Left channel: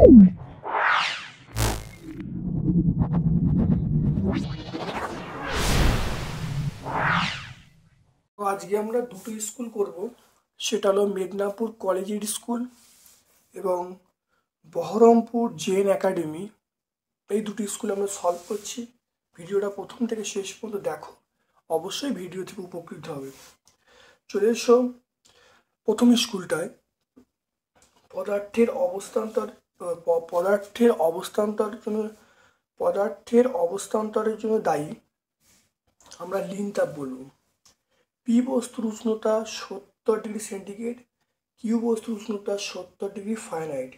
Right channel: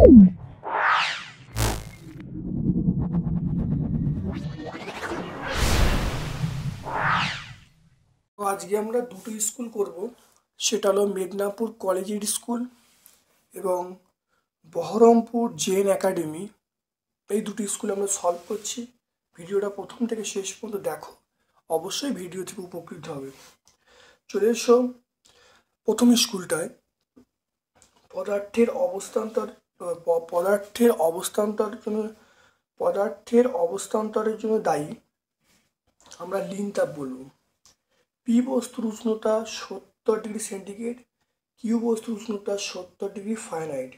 আজকে আমরা দুটো স্কুল করব, সেটা হলো মেদিনীপুর কলেজিয়েট স্কুল এবং বহরমপুর জেন একাডেমি। এই দুটো স্কুল আমরা সলভ করছি। ভিডিওটা প্রথম থেকে শেষ পর্যন্ত দেখো, অবশ্যই ভিডিও থেকে উপকৃত হবে। চলে এসো প্রথম স্কুলটায়। পদার্থের অবস্থান্তরের জন্য দায়ী আমরা লিন তাপ বলবো। পি বস্তুর উষ্ণতা 70 ডিগ্রি সেন্টিগ্রেড, কিউ বস্তুর উষ্ণতা 70 ডিগ্রি ফারেনহাইট।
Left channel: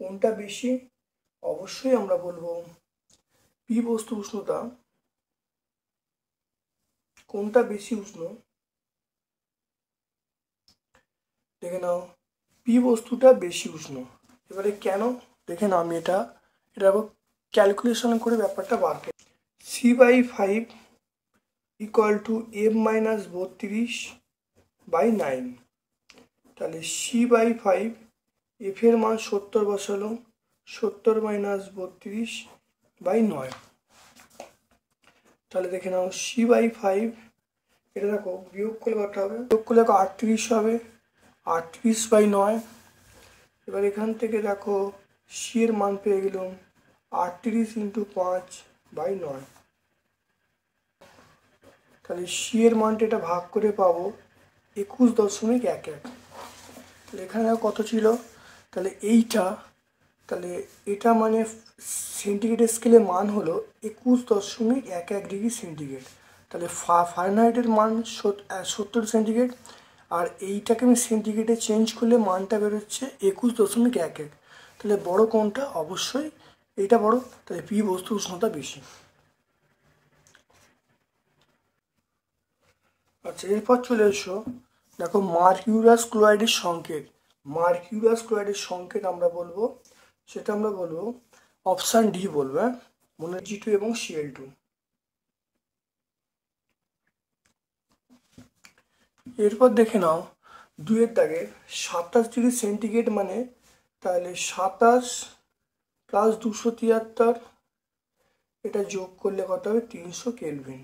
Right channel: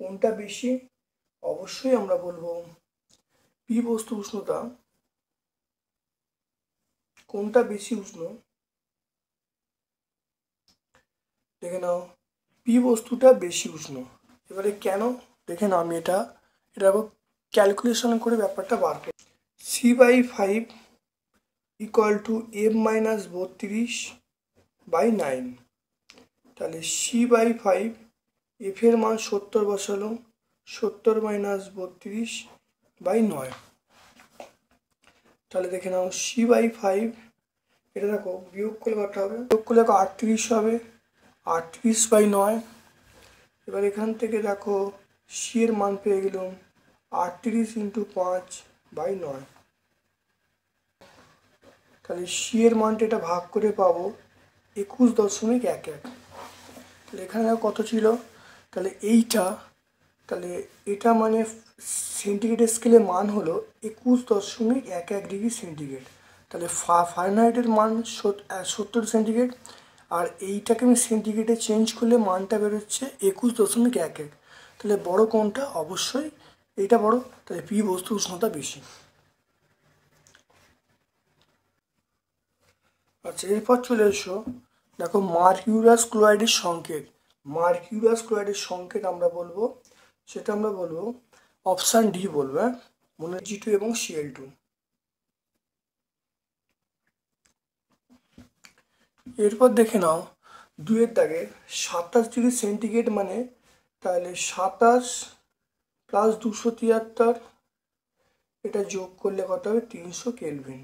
কোনটা বেশি? অবশ্যই আমরা বলবো পি বস্তুর উষ্ণতা। কোনটা বেশি উষ্ণ? দেখে নাও, পি বস্তুটা বেশি উষ্ণ। এবারে কেন দেখে নাও, আমি এটা ক্যালকুলেশন করে ব্যাপারটা বার করি। C/5 = F-32/9। তাহলে C/5, F এর মান 70 বসালো, 70 - 32/9। তাহলে দেখে নাও C/5, এটা দেখো বিয়োগ করলে কত হবে? বিয়োগ করলে 38 হবে, 38/9। এবার এখান থেকে দেখো সি এর মান পেয়ে গেলাম 38 × 5/9। তাহলে সি এর মানটা এটা ভাগ করে পাবো 21.11। তাহলে এখানে কত ছিল? তাহলে এটা মানে সেন্টিগ্রেড স্কেলের মান হলো 21.11 ডিগ্রি সেন্টিগ্রেড। তাহলে ফারেনহাইটের মান 70 সেন্টিগ্রেড, আর এইটাকে আমি সেন্টিগ্রেডে চেঞ্জ করলে মানটা বেরোচ্ছে 21.11। তাহলে বড় কোনটা? অবশ্যই এইটা বড়। তাহলে পি বস্তুর উষ্ণতা বেশি। আচ্ছা, এরপর চলে এসো, দেখো মার্কিউরাস ক্লোরাইডের সংকেত। মার্কিউরাস ক্লোরাইডের সংকেত আমরা বলবো অপশান ডি বলবো। মনে G2 এবং Cl2। এরপর দেখে নাও 2 এর দাগে 27 ডিগ্রি সেন্টিগ্রেড মানে, তাহলে 27 + 273, এটা যোগ করলে কত হবে? 300 কেলভিন।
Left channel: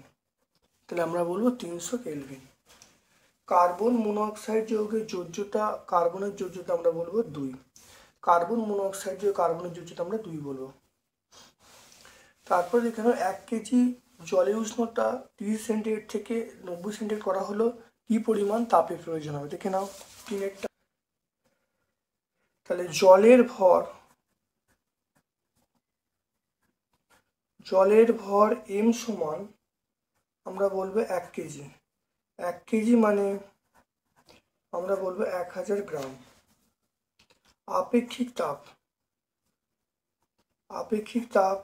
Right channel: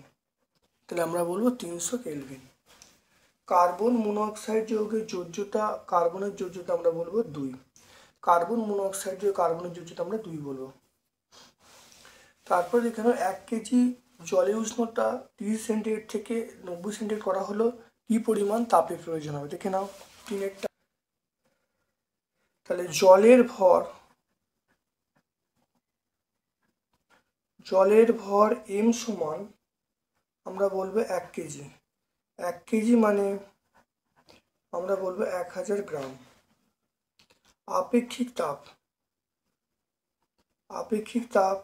তাহলে আমরা বলবো 300 কেলভিন। কার্বন মনোঅক্সাইড যৌগের যোজ্যতা, কার্বনের যোজ্যতা আমরা বলবো 2। কার্বন মনোঅক্সাইড যৌগের কার্বনের যোজ্যতা আমরা 2 বলবো। তারপর এখানে 1 কেজি জলের উষ্ণতা 30 সেন্টিগ্রেড থেকে 90 সেন্টিগ্রেড করা হলো, কি পরিমাণ তাপের প্রয়োজন হবে? দেখে নাও তিনেরটা। তাহলে জলের ভর m সমান আমরা বলবো 1 কেজি। 1 কেজি মানে আমরা বলবো 1000 গ্রাম। আপেক্ষিক তাপ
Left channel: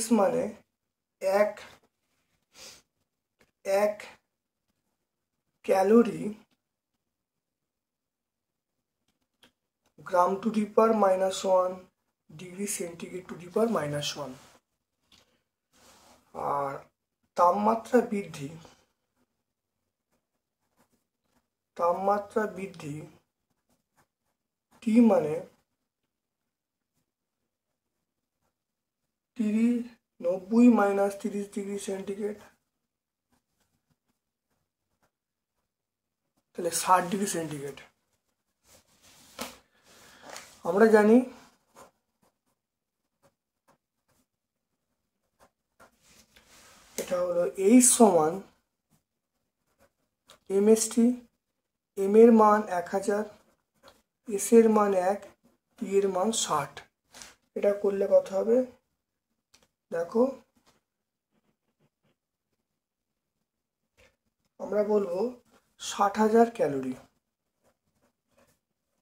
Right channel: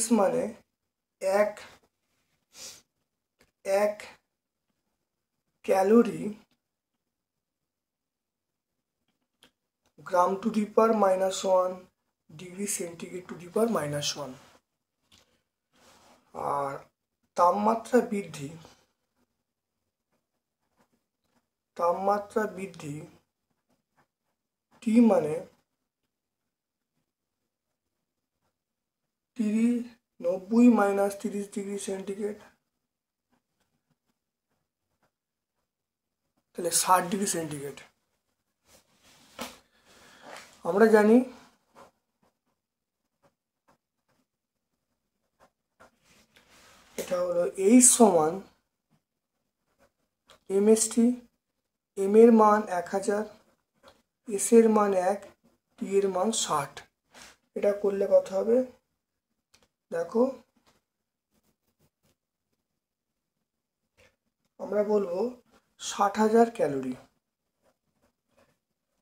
S মানে 1 ক্যালোরি g⁻⁻1 ডিগ্রি সেন্টিগ্রেড (-1). আর তাপমাত্রা বৃদ্ধি T মানে 90 - 30 ডিগ্রি সেন্টিগ্রেড, তাহলে 60 ডিগ্রি সেন্টিগ্রেড। আমরা জানি এটা হলো H সমান mst। m এর মান 1000, s এর মান 1, t এর মান 60। এটা করলে কত হবে? দেখো আমরা বলবো 60,000 ক্যালোরি।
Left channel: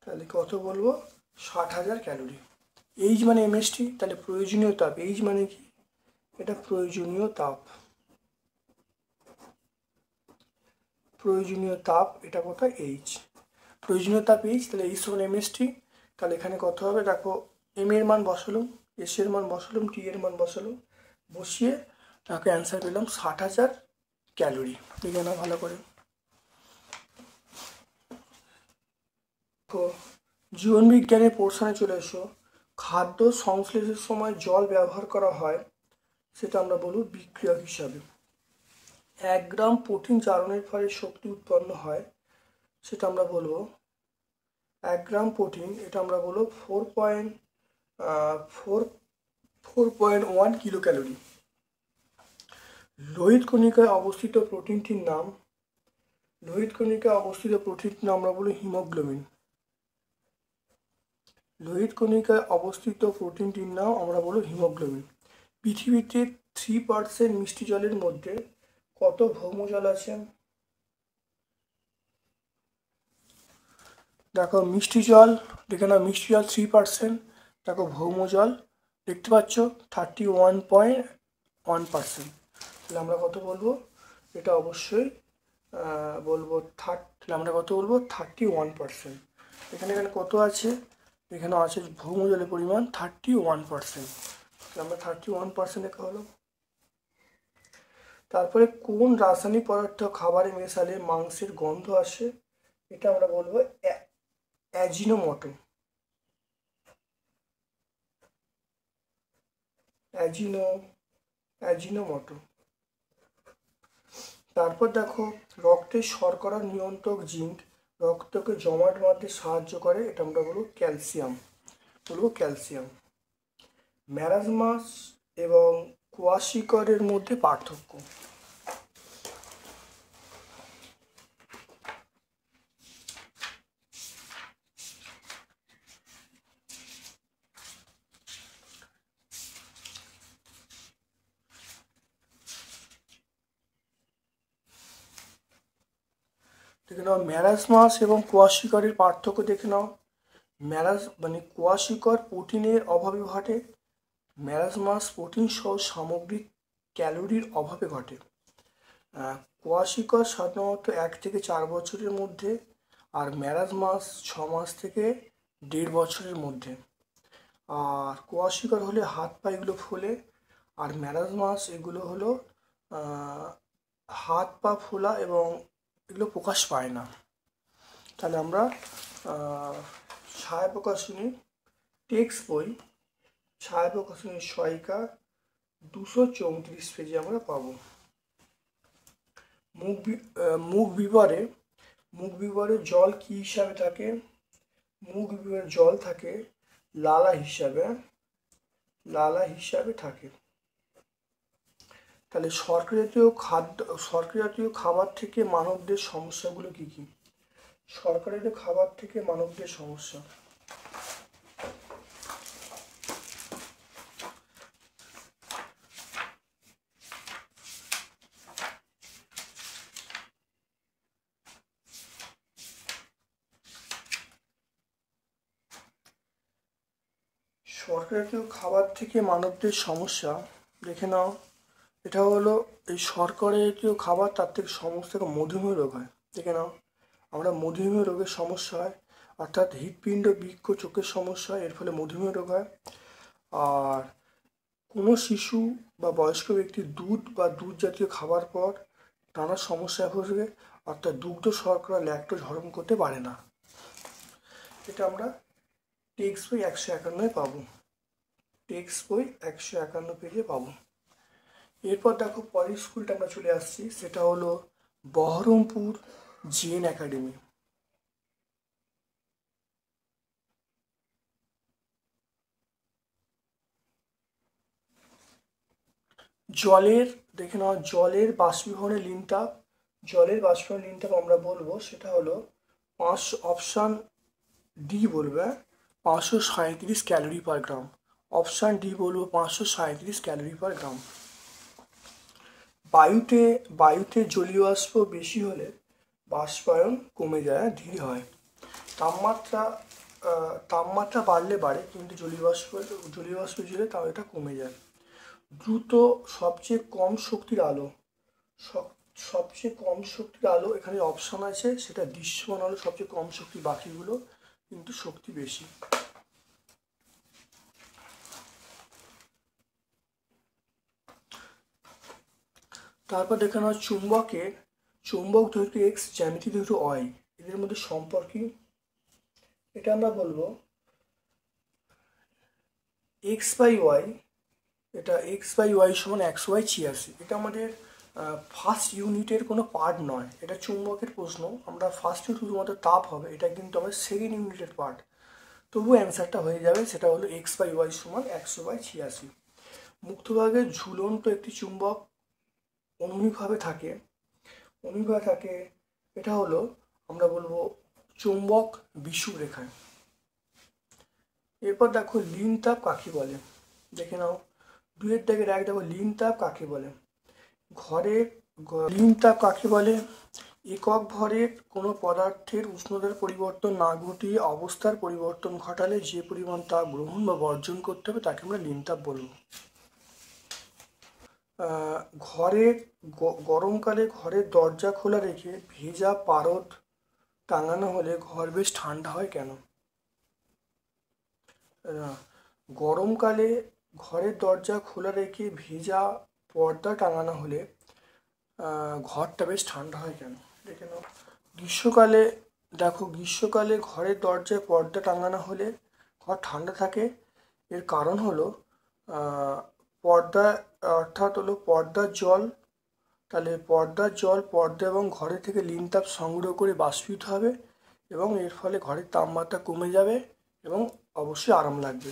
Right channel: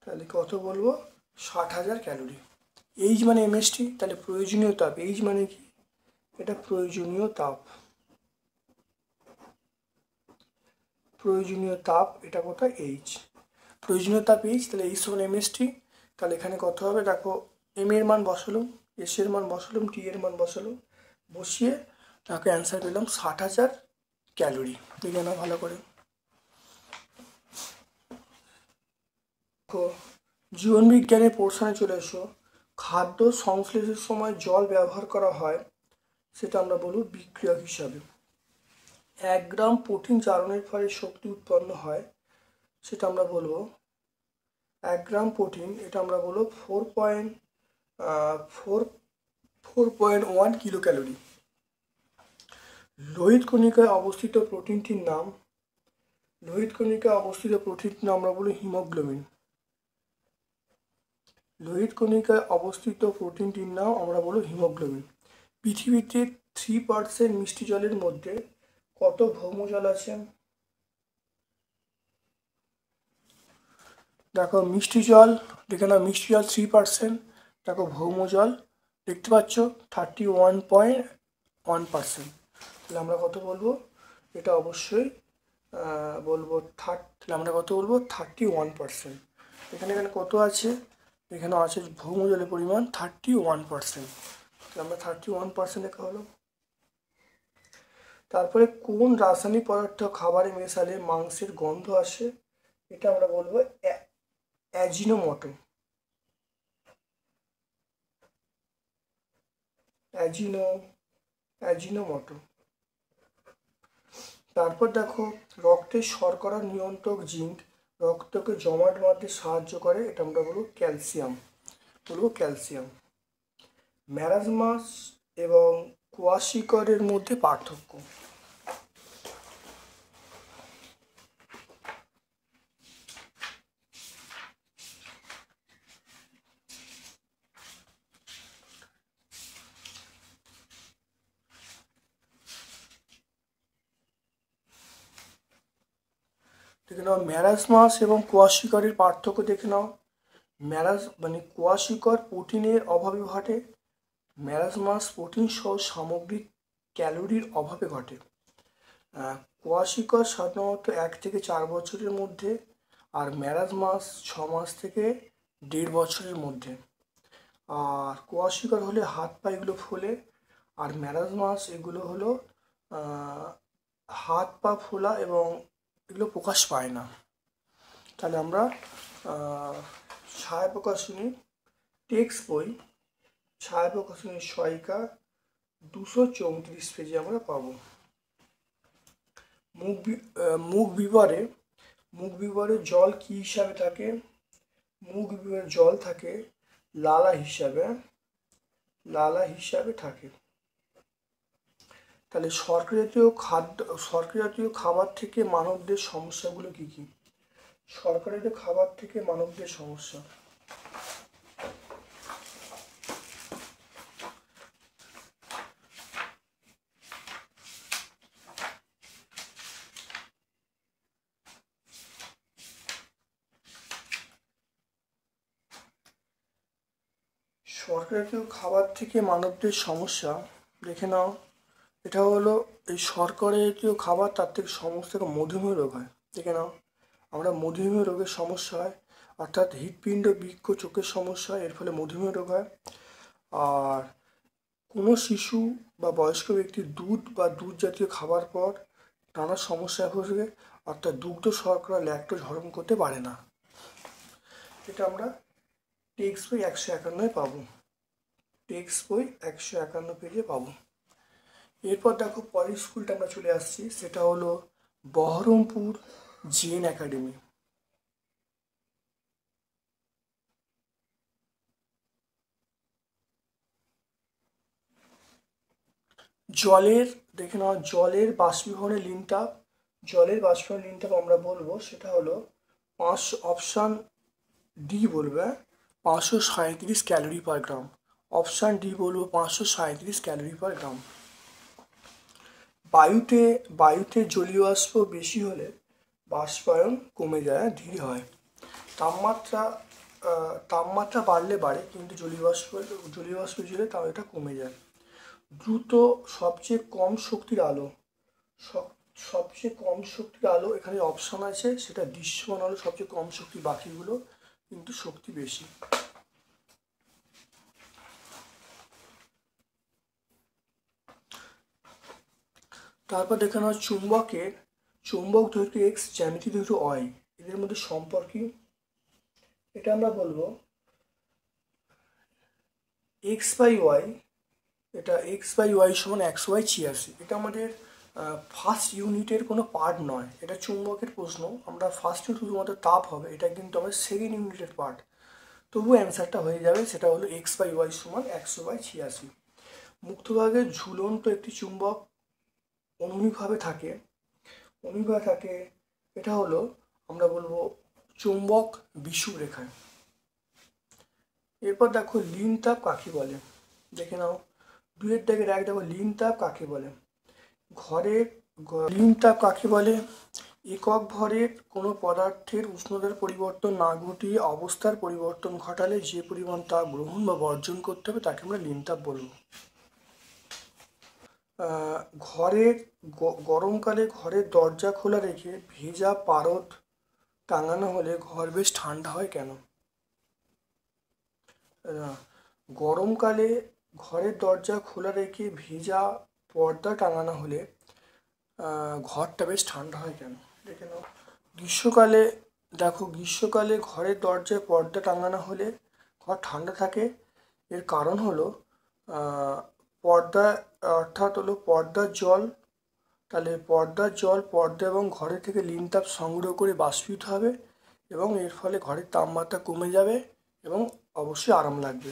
তাহলে কত বলবো? 60,000 ক্যালোরি। H মানে mst, তাহলে প্রয়োজনীয় তাপ। H মানে কি? এটা প্রয়োজনীয় তাপ, এটা কত? H। প্রয়োজনীয় তাপ H, তাহলে H সমান mst। তাহলে এখানে কত হবে? দেখো m এর মান বসালাম, s এর মান বসালাম, t এর মান বসালাম, বসিয়ে তাকে অ্যান্সার পেলাম 60,000 ক্যালোরি। দেখে নাও ভালো করে। জীবন বিজ্ঞানের পোর্শনে চলে এসো। খাদ্য সংশ্লেষের সময় জল ব্যবহার করা হয়, সেটা আমরা বলবো বিক্রিয়ক হিসাবে। 1 গ্রাম প্রোটিন জারণের ফলে শক্তি উৎপন্ন হয়, সেটা আমরা বলবো 1 গ্রাম প্রোটিন, এটা আমরা বলবো 4.1 কিলো ক্যালোরি। লোহিত কণিকায় অবস্থিত প্রোটিনটির নাম, লোহিত কণিকায় অবস্থিত প্রোটিনটির নাম আমরা বলি হিমোগ্লোবিন। লোহিত কণিকায় অবস্থিত প্রোটিনটির নাম আমরা বলি হিমোগ্লোবিন। পৃথিবীতে 3% মিষ্টি জলের মধ্যে কত ভৌম জল আছে? দেখো মিষ্টি জল, দেখে নাও মিষ্টি জল 3%, দেখো ভৌম জল দেখতে পাচ্ছ 31.1%। তাহলে আমরা কত বলবো? এটা অবশ্যই বলবো তাহলে আমরা কত বলবো? 31%। এখানে কত আছে? এখানে আছে ভৌম জলের পরিমাণ 31%। আমরা 31% লেখা হলো। তারপরে কোন রাসায়নিক পদার্থ খাবারে মেশালে মাংসের গন্ধ আসে? এটা আমরা বলবো অ্যাজিনোমোটো। অ্যাজিনোমোটো। তারপর দেখো রক্তের শর্করা নিয়ন্ত্রক জিঙ্ক রক্তকে জমাট বাঁধতে সাহায্য করে, এটা আমরা বলবো ক্যালসিয়াম। ম্যারাজমাস এবং কোয়াশিকরের মধ্যে পার্থক্য? দেখে নাও ম্যারাজমাস এবং কোয়াশিকরের পার্থক্য দেখে নাও। কোয়াশিকর প্রোটিনের অভাবে ঘটে, ম্যারাজমাস প্রোটিন সহ সামগ্রিক ক্যালোরির অভাবে ঘটে। কোয়াশিকর সাধারণত 1 থেকে 4 বছরের মধ্যে, আর ম্যারাজমাস 6 মাস থেকে 1.5 বছরের মধ্যে। আর কোয়াশিকর হলে হাত পা এগুলো ফোলে, আর ম্যারাজমাস এগুলো হলো হাত পা ফোলা এবং এগুলো প্রকাশ পায় না। তাহলে আমরা ছায়া প্রকাশনী টেক্সট বই, ছায়া প্রকাশনী সহায়িকা 234 পেজে আমরা পাবো। মুখ বিবরে জল কি হিসাবে থাকে? মুখ বিবরে জল থাকে লালা হিসাবে থাকে। তাহলে শর্করা জাতীয় খাবার থেকে মানবদের সমস্যাগুলো কি কি? শর্করা জাতীয় খাবার থেকে মানবদের সমস্যা, শর্করা জাতীয় খাবার থেকে মানবদের সমস্যা দেখে নাও। এটা হলো এই শর্করা জাতীয় খাবার, তার থেকে সমস্যা মধুমেহ রোগ হয়। দেখে নাও, আমরা মধুমেহ রোগের সমস্যা হয়, অর্থাৎ হৃৎপিণ্ড বৃক্ক চোখের সমস্যা হয়, এর ফলে মধুমেহ রোগ হয়। আর কোনো শিশু বা বয়স্ক ব্যক্তির দুধ বা দুধ জাতীয় খাবার পর নানা সমস্যায় ভোগে, অর্থাৎ দুগ্ধ শর্করা ল্যাকটোজ হজম করতে পারে না। এটা আমরা টেক্সট বই 151 পাবো, টেক্সট বই 151 পেজে পাবো। এরপর দেখো পরের স্কুলটা আমরা চলে আসছি, সেটা হলো বহরমপুর জেন একাডেমি। জলের দেখে নাও, জলের বাষ্পীভবনের লিঙ্কটা, আমরা বলবো সেটা হলো অপশান ডি বলবে 537 ক্যালোরি পার গ্রাম। অপশান ডি বলবো 537 ক্যালোরি পার গ্রাম। বায়ুতে জলীয় বাষ্প বেশি হলে বাষ্পায়ন কমে যায়, ধীরে হয়। তাপমাত্রা বাড়লে বাড়ে, কিন্তু জলীয় বাষ্প জেলে তাও এটা কমে যায়। দ্রুত সবচেয়ে কম শক্তির আলো এখানে অপশন আছে, সেটা দৃশ্যমান আলো সবচেয়ে কম শক্তি, বাকিগুলো কিন্তু শক্তি বেশি। তারপর দেখে নাও চুম্বক দৈর্ঘ্য এক্স, জ্যামিতি দৈর্ঘ্য ওয়াই, এদের মধ্যে সম্পর্ক। এটা আমরা বলবো এক্স বাই ওয়াই, এটা এক্স বাই ওয়াই সমান 100/86। এটা আমাদের ফার্স্ট ইউনিটের কোনো পার্ট নয়, এটা চুম্বকের প্রশ্ন। আমরা ফার্স্ট ইউনিট শুধুমাত্র তাপ হবে, এটা কিন্তু আমার সেকেন্ড ইউনিটের পার্ট। তবু অ্যান্সারটা হয়ে যাবে, সেটা হলো এক্স বাই ওয়াই সমান 100/86। মুক্তভাগে ঝুলন্ত একটি চুম্বক অনুভূমিকভাবে থাকে, অনুভূমিকভাবে থাকে, এটা হলো আমরা বলবো চুম্বক বিষুবরেখায়। এরপর দেখো লিন তাপ কাকে বলে, দেখে নাও 2-1 দেখো লিন তাপ কাকে বলে। ঘরের লিন তাপ কাকে বলে? একক ভরের কোনো পদার্থের উষ্ণতার পরিবর্তন না ঘটিয়ে অবস্থার পরিবর্তন ঘটালে যে পরিমাণ তাপ গ্রহণ বা বর্জন করতে হবে তাকে আমরা লিন তাপ বলবো। ঘরের গরমকালে ঘরের দরজা খোলা রেখে ভেজা পারদ টাঙানো হলে ঘর বেশ ঠান্ডা হয় কেন? গরমকালে ঘরের দরজা খোলা রেখে ভেজা পর্দা টাঙানো হলে ঘরটা বেশ ঠান্ডা হয় কেন? দেখে নাও। গ্রীষ্মকালে দেখো, গ্রীষ্মকালে ঘরের দরজায় পর্দা টাঙানো হলে ঘর ঠান্ডা থাকে। এর কারণ হলো পর্দা, অর্থাৎ হলো পর্দার জল, তাহলে পর্দার জল পর্দা এবং ঘরে থেকে লিন তাপ সংগ্রহ করে বাষ্পীভূত হবে এবং এর ফলে ঘরের তাপমাত্রা কমে যাবে এবং অবশ্যই আরাম লাগবে।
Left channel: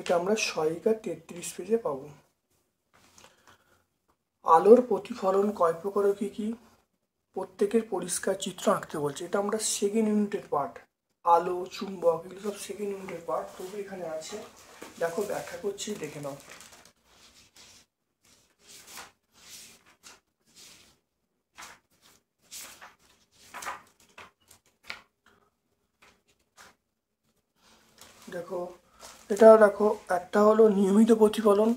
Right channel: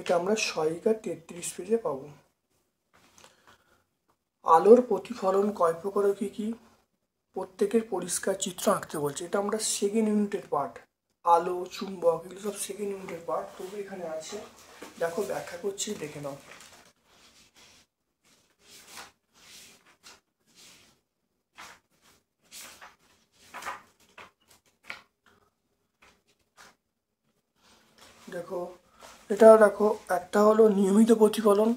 এটা আমরা 6-33 পেজে পাবো। আলোর প্রতিফলন কয় প্রকার কি কি? প্রত্যেকের পরিষ্কার চিত্র আঁকতে বলছে। এটা আমরা সেকেন্ড ইউনিটের পার্ট। আলো, চুম্বক, এগুলো সব সেকেন্ড ইউনিটের পার্ট, তবু এখানে আছে। দেখো ব্যাখ্যা করছি, দেখে নাও। দেখো এটা দেখো, একটা হলো নিয়মিত প্রতিফলন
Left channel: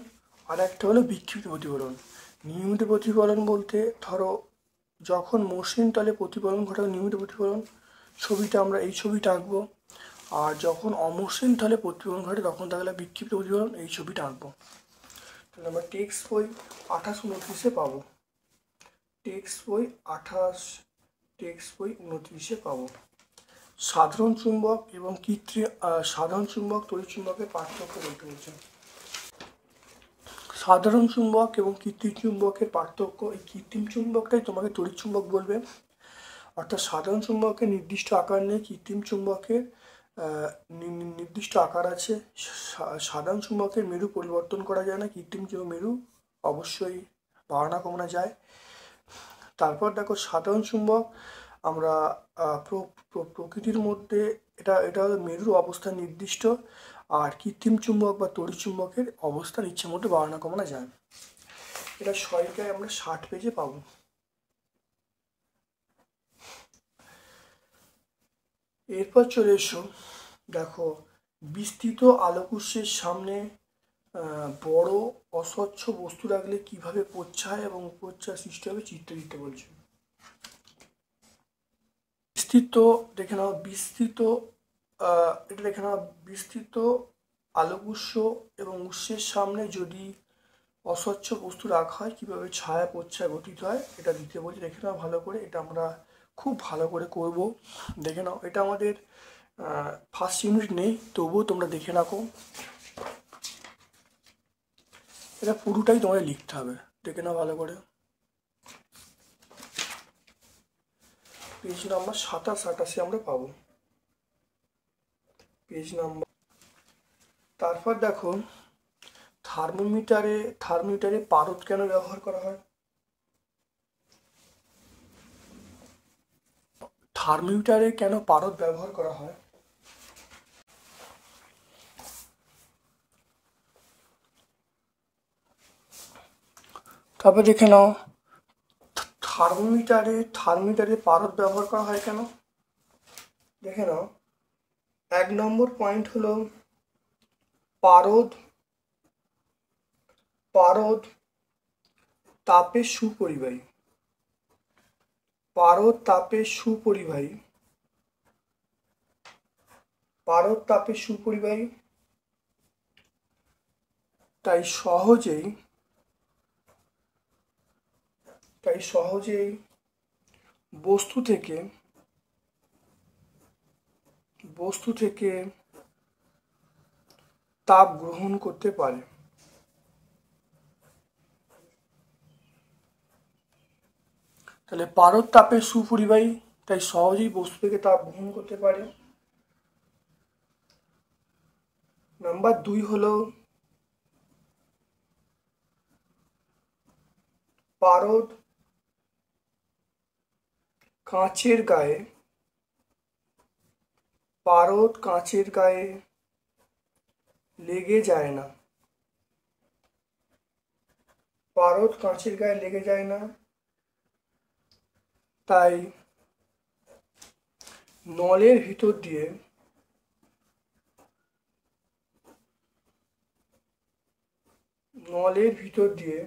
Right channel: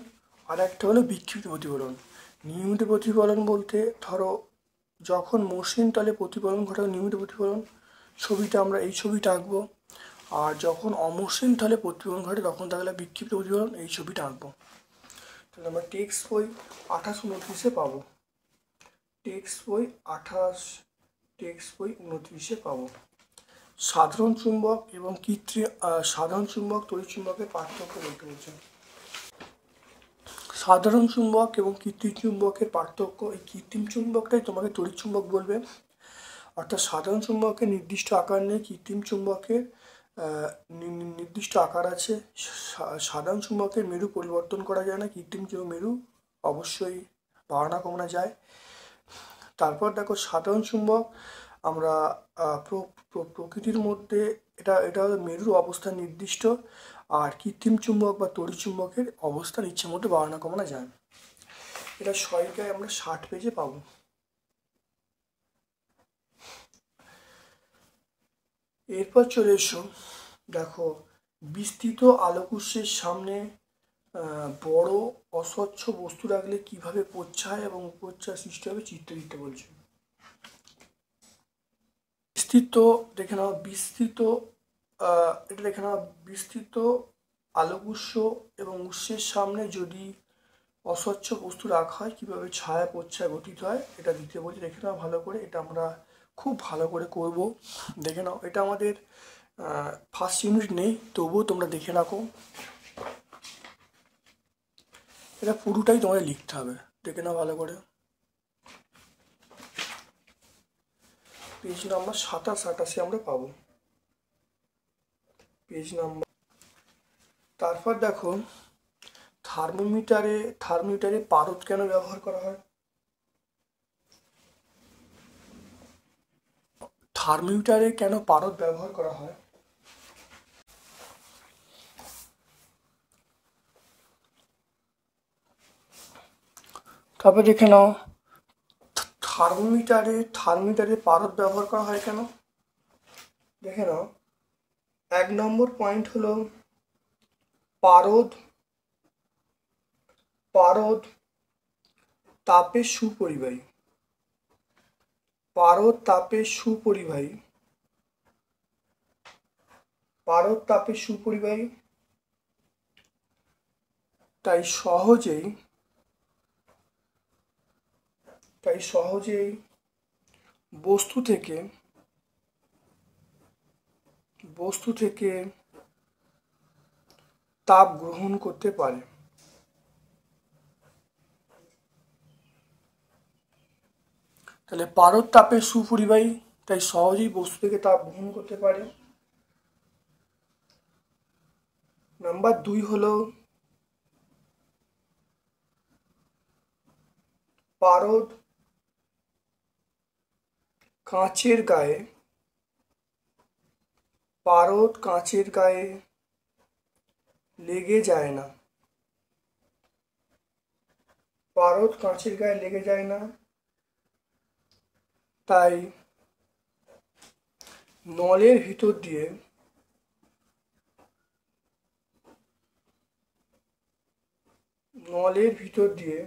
আর একটা হলো বিক্ষিপ্ত প্রতিফলন। নিয়মিত প্রতিফলন বলতে ধরো যখন মসৃণ তলে প্রতিফলন ঘটে নিয়মিত প্রতিফলন, ছবিটা আমরা এই ছবিটা আঁকবো। আর যখন অমসৃণ তলে প্রতিফলন ঘটে তখন তাহলে বিক্ষিপ্ত প্রতিফলন, এই ছবিটা আঁকবো। তাহলে আমরা টেক্সট বই 28-29 পাবো। টেক্সট বই 28, টেক্সট বই 29 পাবো। সাধারণ চুম্বক এবং সাধারণ চুম্বক তড়িৎ চুম্বকের পার্থক্য বলতে বলছে। সাধারণ চুম্বক এবং কৃত্রিম চুম্বকের পার্থক্য, এই কৃত্রিম চুম্বকটাই তোমাকে তড়িৎ চুম্বক বলবে। অর্থাৎ সাধারণ চুম্বকের নির্দিষ্ট আকার নেই, কৃত্রিম চুম্বকের নির্দিষ্ট আকার আছে। সাধারণ চুম্বকের মেরু পরিবর্তন করা যায় না, কৃত্রিম মেরু অবশ্যই বাড়ানো কমানো যায়। তারপর দেখো সাধারণ চুম্বক আমরা প্রকৃতির মধ্যে এটা মেরুর অবস্থান নির্দিষ্ট, আর কৃত্রিম চুম্বক বা তড়িৎ চুম্বকের অবস্থান ইচ্ছে মতো বাড়ানো কমানো যায়। এটা 6 আমরা 60 পেজে পাবো। এরপর চলে এসো, দেখো বিস্তৃত আলোকউৎসের সামনে বড় অস্বচ্ছ বস্তু রাখলে কিভাবে প্রচ্ছায় এবং উপচ্ছায় সৃষ্টি হবে চিত্র দিতে বলছে। বিস্তৃত দেখে নাও, বিস্তৃত এটা দেখে নাও, বিস্তৃত আলোকউৎস এবং উৎসের সামনে যদি অস্বচ্ছ বস্তু রাখা হয় কিভাবে ছায়া প্রচ্ছায় গঠিত হয় এটা দিতে বলছে। দেখে নাও ভালো করে, এটা আমরা খুব ভালো করে করব। দেখে নাও, এটা আমাদের ফার্স্ট ইউনিট নেই, তবুও তোমরা দেখে রাখো। এটা পুরোটাই তোমাদের লিখতে হবে, দেখে নাও ভালো করে। পেজ নাম্বার 27-28 আমরা পাবো, পেজ নাম্বার। তারপর দেখো থার্মোমিটারে পারদ কেন ব্যবহার করা হয়? থার্মোমিটারে কেন পারদ ব্যবহার করা হয়? তারপর দেখে নাও থার্মোমিটারে পারদ ব্যবহার করা হয় কেন? দেখে নাও, 1 নম্বর পয়েন্ট হলো পারদ তাপের সুপরিবাহী। পারদ তাপের সুপরিবাহী, তাই সহজেই বস্তু থেকে তাপ গ্রহণ করতে পারে। তাহলে পারদ তাপের সুপরিবাহী, তাই সহজেই বস্তু থেকে তাপ গ্রহণ করতে পারে। নাম্বার 2 হলো পারদ কাঁচের গায়ে লেগে যায় না। পারদ কাঁচের গায়ে লেগে যায় না, তাই নলের ভিতর দিয়ে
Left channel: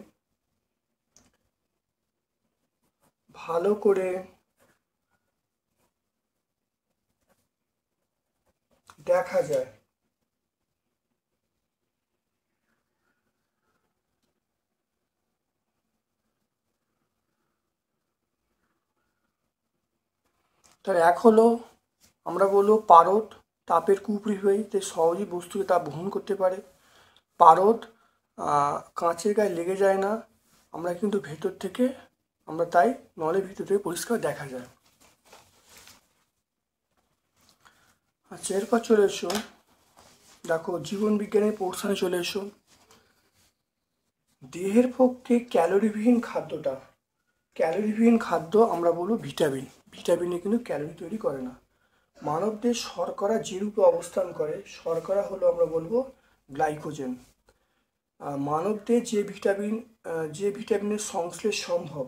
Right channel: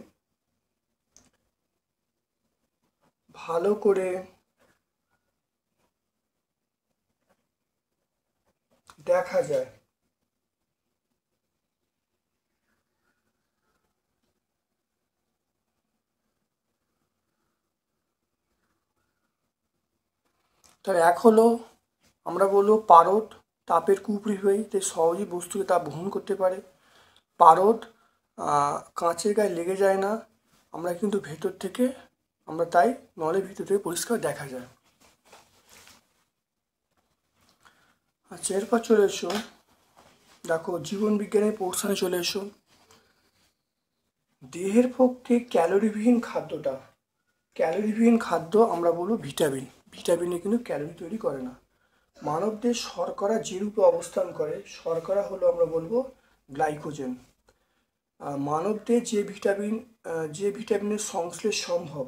ভালো করে দেখা যায়। তার এক হলো আমরা বলবো পারদ তাপের কুপরিবাহী, তাই সহজেই বস্তুকে তাপ গ্রহণ করতে পারে। পারদ কাঁচের গায়ে লেগে যায় না, আমরা কিন্তু ভেতর থেকে আমরা তাই নলের ভিতর থেকে পরিষ্কার দেখা যায়। আচ্ছা, এরপর চলে এসো, দেখো জীবন বিজ্ঞানের পোর্শনে চলে এসো। দেহের পক্ষে ক্যালোরিবিহীন খাদ্য আমরা বলবো ভিটামিন। ভিটামিনে কিন্তু ক্যালোরি তৈরি করে না। মানবদেহ শর্করা যে রূপে অবস্থান করে, শর্করা হলো আমরা বলবো গ্লাইকোজেন। মানবদেহে যে ভিটামিনের সংশ্লেষ সম্ভব,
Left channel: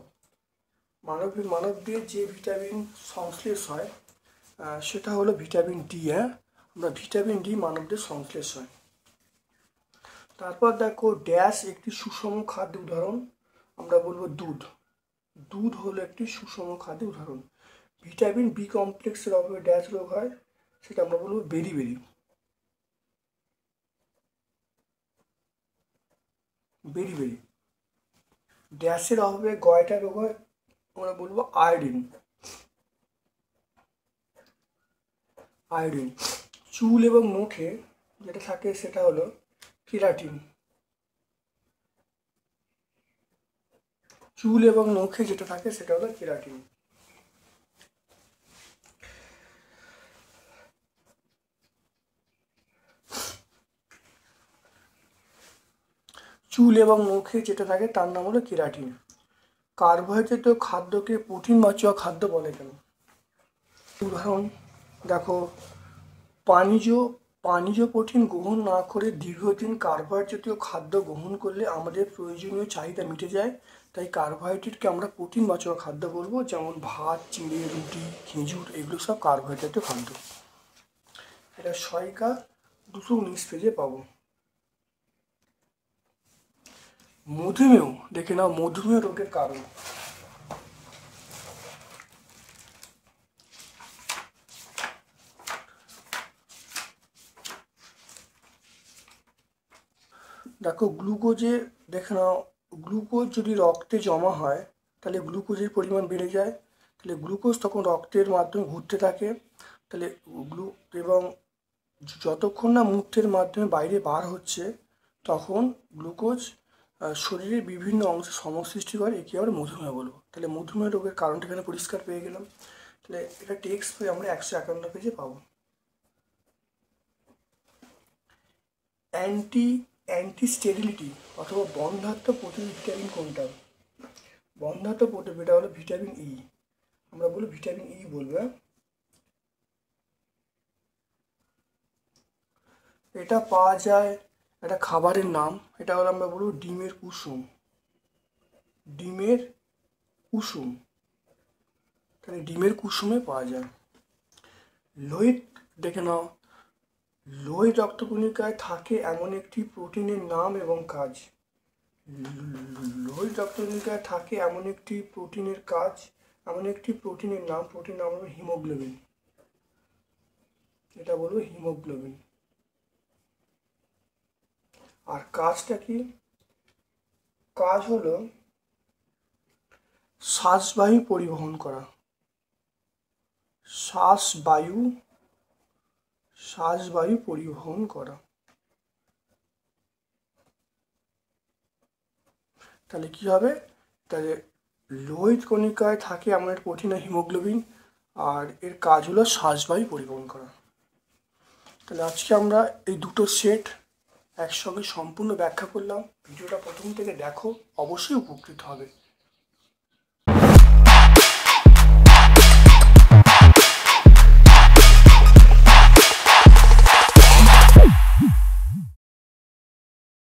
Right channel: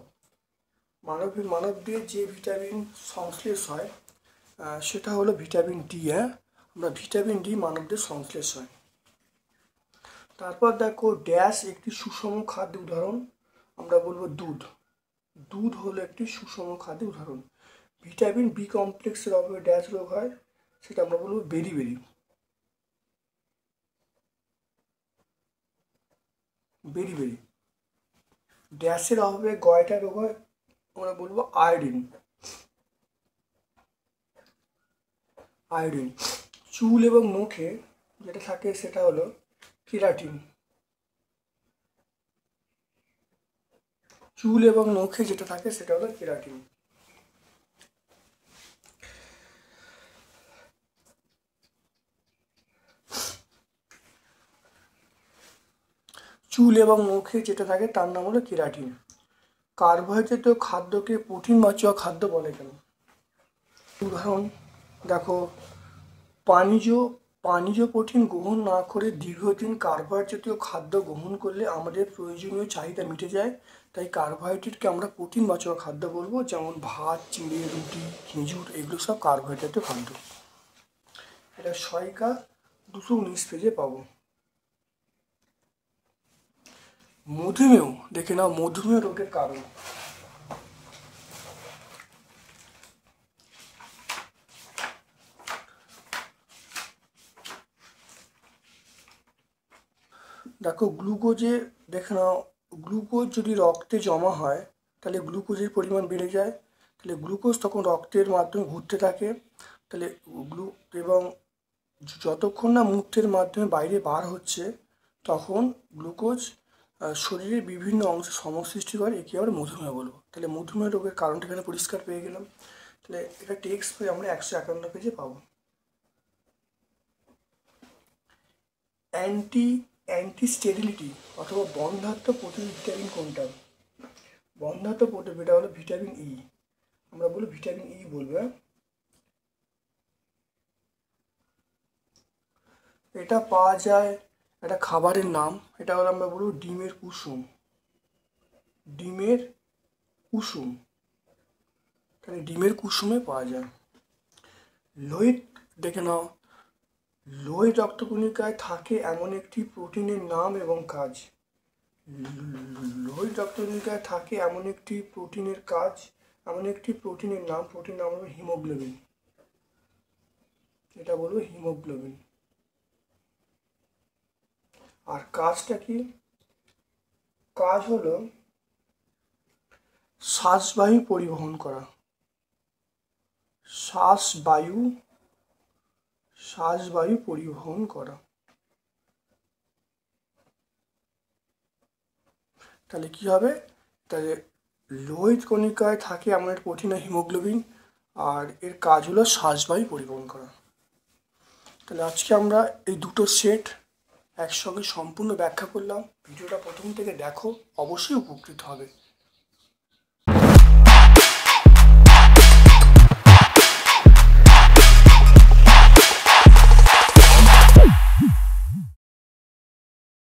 মানবদেহে যে ভিটামিন সংশ্লেষ হয় সেটা হলো ভিটামিন ডি। আমরা ভিটামিন ডি মানবদেহে সংশ্লেষ হয়। তারপর দেখো ড্যাশ একটি সুষম খাদ্য উদাহরণ, আমরা বলবো দুধ হলো একটি সুষম খাদ্য উদাহরণ। ভিটামিন বি কমপ্লেক্সের অভাবে ড্যাশ রোগ হয়, সেটা আমরা বলবো বেরি। ড্যাশের অভাবে গয়টা রোগ হয়, আমরা বলবো আয়োডিন। চুল এবং মুখে যেটা থাকে সেটা হলো কেরাটিন। চুল এবং নখে যেটা থাকে সেটা হলো কেরাটিন। চুল এবং নখে যেটা থাকে তার নাম হলো কেরাটিন। কার্বোহাইড্রেট খাদ্যকে প্রোটিন জাতীয় খাদ্য বলে কেন? উদাহরণ দেখো, পানীয় প্রোটিন গ্রহণ না করে দীর্ঘদিন কার্বোহাইড্রেট জাতীয় খাদ্য গ্রহণ করলে আমাদের প্রয়োজনীয় চাহিদা মিটে যায়, তাই কার্বোহাইড্রেটকে আমরা প্রোটিন জাতীয় খাদ্য বলবো। যেমন ভাত, চিড়ে, রুটি, খেজুর, এগুলো সব কার্বোহাইড্রেট জাতীয় খাদ্য। এটা সহায়িকা 219 পেজে পাবো। মধুমেহ দেখে নাও, মধুমেহ রোগের কারণ। দেখো গ্লুকোজের দেখে নাও, গ্লুকোজ যদি রক্তে জমা হয় তাহলে গ্লুকোজের পরিমাণ বেড়ে যায়। তাহলে গ্লুকোজ তখন রক্তের মাধ্যমে ঘুরতে থাকে, তাহলে এবং যতক্ষণ না মূত্রের মাধ্যমে বাইরে বার হচ্ছে তখন গ্লুকোজ শরীরের বিভিন্ন অংশে সমস্যা সৃষ্টি করে, একে আমরা মধুমেহ বলবো। তাহলে মধুমেহ রোগের কারণটা এখানে পরিষ্কার পেয়ে গেলাম। তাহলে এটা টেক্সট বই আমরা 151 পেজে পাবো। অ্যান্টি স্টেরিলিটি অথবা বন্ধ্যাত্ব প্রতিরোধী ভিটামিন কোনটা? বন্ধ্যাত্ব প্রতিরোধী হলো ভিটামিন ই, আমরা বলি ভিটামিন ই বলবো। এটা পাওয়া যায় একটা খাবারের নাম, এটা হলো আমরা বলবো ডিমের কুসুম। তাহলে ডিমের কুসুমে পাওয়া যায়। লোহিত দেখে নাও, লোহিত রক্তকণিকায় থাকে এমন একটি প্রোটিনের নাম এবং কাজ। লোহিত রক্তকণিকায় থাকে এমন একটি প্রোটিনের নাম হলো হিমোগ্লোবিন। এটা বলবো হিমোগ্লোবিন। আর কাজটা কি? কাজ হলো শ্বাসবায়ু পরিবহন করা। শ্বাসবায়ু পরিবহন করা। তাহলে কি হবে, তাহলে লোহিত কণিকায় থাকে এমন একটা প্রোটিন হিমোগ্লোবিন, আর এর কাজ হলো শ্বাসবায়ু পরিবহন করা। তাহলে আজকে আমরা এই দুটো সেট একসঙ্গে সম্পূর্ণ ব্যাখ্যা করলাম। ভিডিওটা প্রথম থেকে দেখো, অবশ্যই উপকৃত হবে।